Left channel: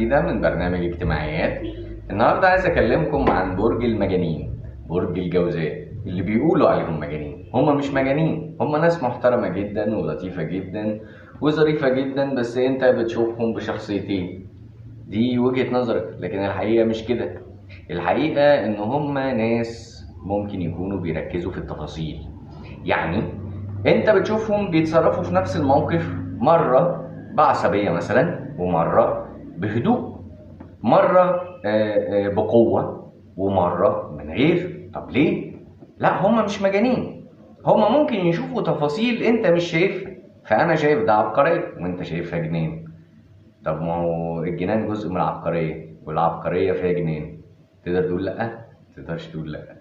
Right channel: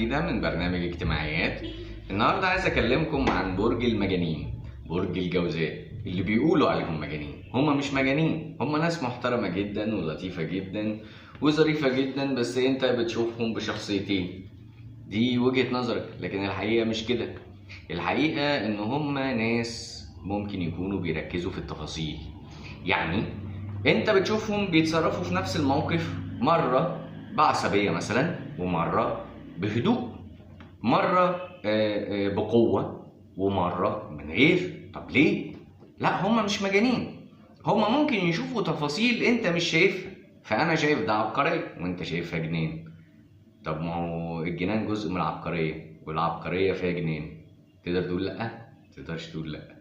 جديدة من برنامج اجتماعيات. النهاردة عايز أكلمكم عن برج المجانين، برج الجوزاء، اللي بيقولوا عليهم مجانين. هم مش مجانين، هم ناس محترمة جدا ولطيفة جدا وظريفة جدا، بس أنت بتشوفهم بشخصيتين. دي وجهة نظرك، لكن الحقيقة مش كده. الحقيقة إن هم ناس ممكن يكونوا بيركزوا في التفاصيل. يعني أنت بتشوفهم بيتصرفوا في نفس الموقف مرة بعصبية مثلا، ومرة بهدوء، مرة بقوة، ومرة من غير. طب ليه؟ لا، هما مش مجانين. هما ممكن يشوفوا تفاصيل انت مش شايفها، فانا شايف ده عبقرية وانت شايفها جنان. طب ما هو الجنان جزء من العبقرية، والعبقرية فيها جنان. تقدر تقول لا؟ تقدرش تقول لا.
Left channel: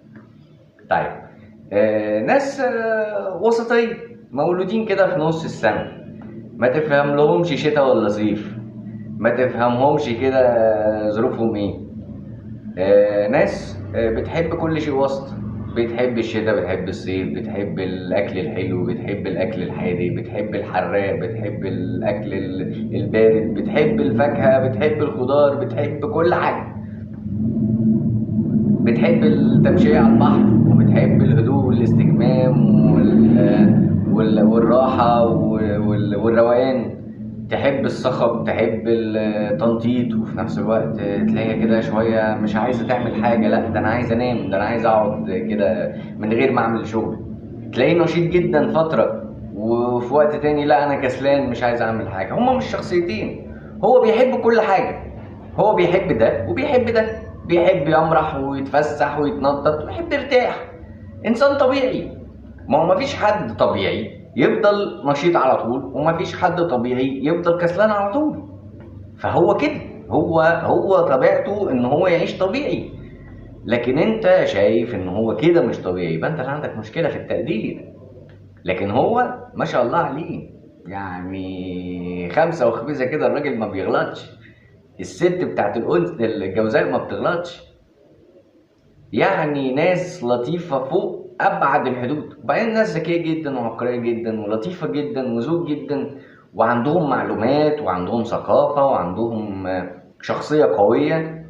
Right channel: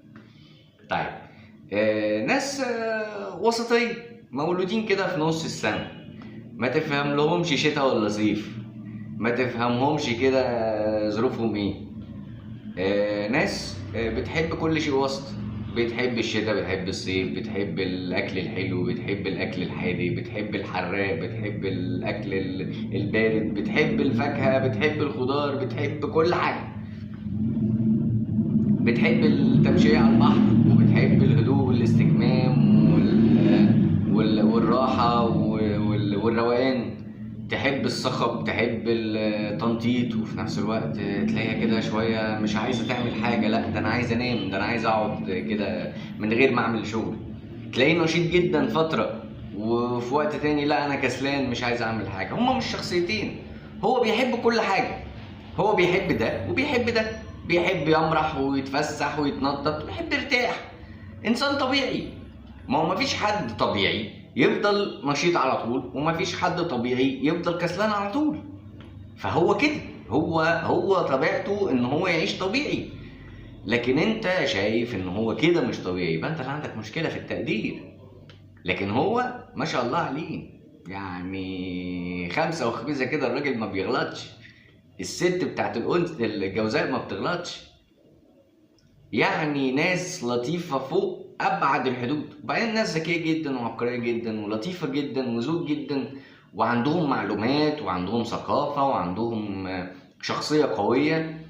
طيب، ناس وسطية، مولودين كده في نص السنة، ما تفهم لهمش شتاء ولا صيف، ما تفهمهمش كده ظروفهم ايه. ناس بتحب كل شيء وسط، بتحب الشتاء، بتحب الصيف، بتحب الاكل الحلو، بتحب الاكل الحادق، بتحب الحراق، بتحب الاكل البارد، بتحب الفاكهة، بتحب الخضار، بتحب كل حاجة. بتحب التمشية على البحر، وبتحب الهدوء والاستجمام والراحة والروقان. تحب الصخب، تحب التنطيط، وفي نفس الوقت تلاقيها كده شوية مش عايزة تعمل حاجة. لا، ده أنا عايز أنام، ده أنا عايز أقعد كده من غير ما أعمل شغل. تلاقيه نشيط جدا فترة، وفي وقت تاني لا، أنا كسلان مش عايز أعمل حاجة. هما مش شخصيتين، هو بيحب كل حاجة. هو بيحب ده وبيحب ده، بيحب يمرح ويتفسح ويتنطط ويحب يرتاح. إنسان طبيعي. ما هو مفيش حد طبيعي يفضل نشيط على طول، ومفيش حد طبيعي يفضل كسلان على طول. فهو كده، هو طبيعته ان هو يعيش طبيعي. لكن انت شايف ان هو كده مش طبيعي، يبقى انت اللي عندك مشكلة في التقدير. لكن هو ما شاء الله عليه، يعني 5 كده، الراجل ما بيغلطش. الست بتاعت الجوزاء ما بتغلطش. يعني ناس لطيفة فوق أبعد الحدود. وبعدين ناس ذكية جدا وعبقرية جدا ولطيفة جدا وذوق جدا، وعندهم معلومات وعندهم ثقافة وعندهم شخصية قوية.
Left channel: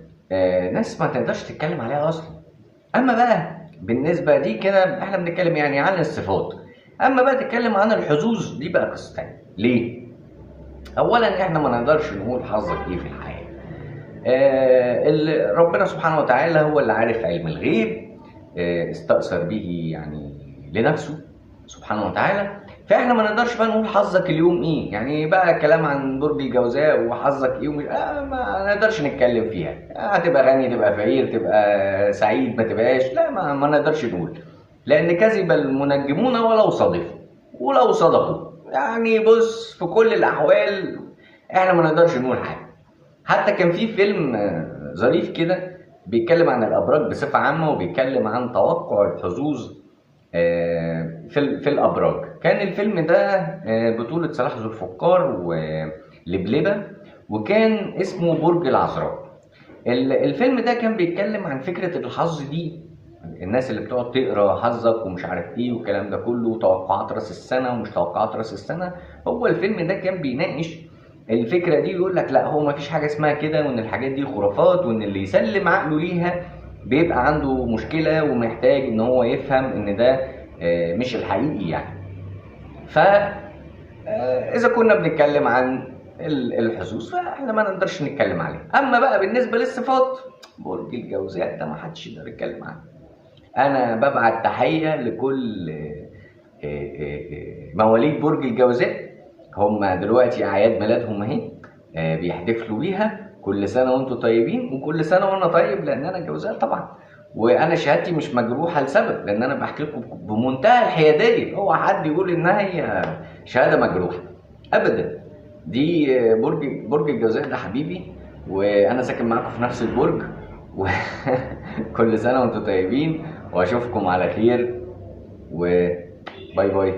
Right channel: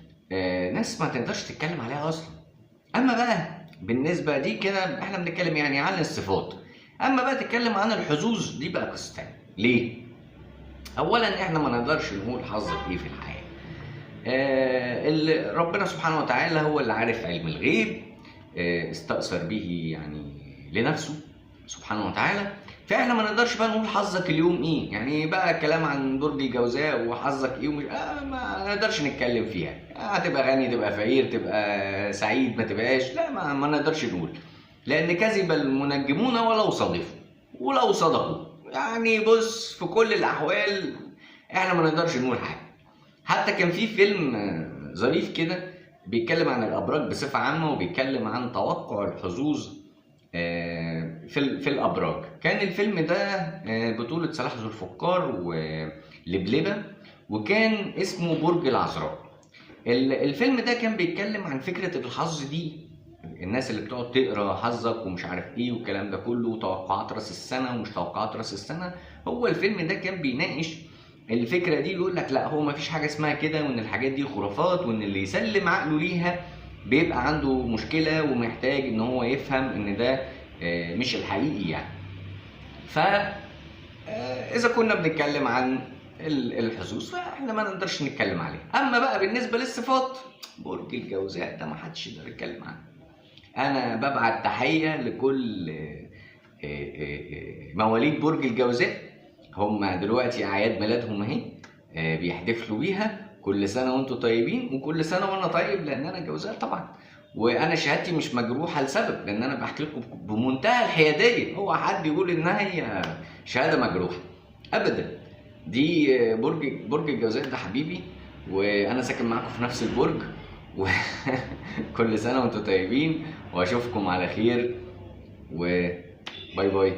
ناس ما تقدرش تتكلم عليها أصلا. أما بقى بالنسبة دي كده احنا بنتكلم يعني عن الصفات. أما بقى تتكلم عن الحظوظ، دي بقى قصة تانية. ليه؟ أولا احنا ما نقدرش نقول حظك إيه في الحياة. ربنا سبحانه وتعالى هو اللي عارف علم الغيب، استأثر به يعني لنفسه سبحانه وتعالى. فاحنا ما نقدرش بقى نقول حظك اليوم ايه، يعني بقى الكلام عن برج الجوزاء وحظك ايه ومش ما نقدرش نتكلم فيها. هتبقى غني، تبقى فقير، تبقى سعيد، ما تبقاش، لا ما نقدرش نقول. لان كذب المنجمون ولو صدفوا ولو صدقوا. يعني بص، في كل الاحوال احنا ما نقدرش نقول حاجه. حتى كان في فيلم ظريف كده بيتكلم عن الابراج بصفه عامه، وبيتكلم عن توقع الحظوظ في الابراج. كان الفيلم ده بطوله صلاح ذو الفقار ولبلبه، وكان اسمه برج العذراء. الفيلم ده كان بيتكلم عن فكره الحظ دي، الناس اللي بتقعد تقرا حظك ومش عارف ايه والكلام ده كله، وتوقعات راس السنه ومش توقعات راس السنه. هو الفيلم ده كان بيناقش الفكره دي، يقول لك لا، هو مفيش حاجه اسمها كده، وان الحاجات دي خرافات، وان اللي يسلم عقله ليها بيبقى عنده مشكله ومحتاج ان هو يفهم ان ده مش الحقيقي يعني. ف اذا كنا بنتكلم عن الحظوظ فاحنا ما نقدرش نتكلم عليه. اما بقى بالنسبه للصفات، برج الجوزاء ده ما حدش يقدر يتكلم عنه. انا ببعت تحيه لكل مواليد برج الجوزاء. هم دلوقتي اعياد ميلادهم اهي، بيحتفلوا بيها. كل سنه وانتم طيبين، وكل سنه وانا طيب، لان انا جوزاء طبعا. وانا شهادتي مش مجروحه لسبب، لان انا بحكي لكم بمنتهى الحياديه. اوعى حد يقول انها هي شهاده مجروحه ابدا. دي برج الجوزاء ده حبيبي، وانا ساكن معاكم في نفس البرج. وكل سنه وانتم طيبين، واشوفكم على خير، وباي باي.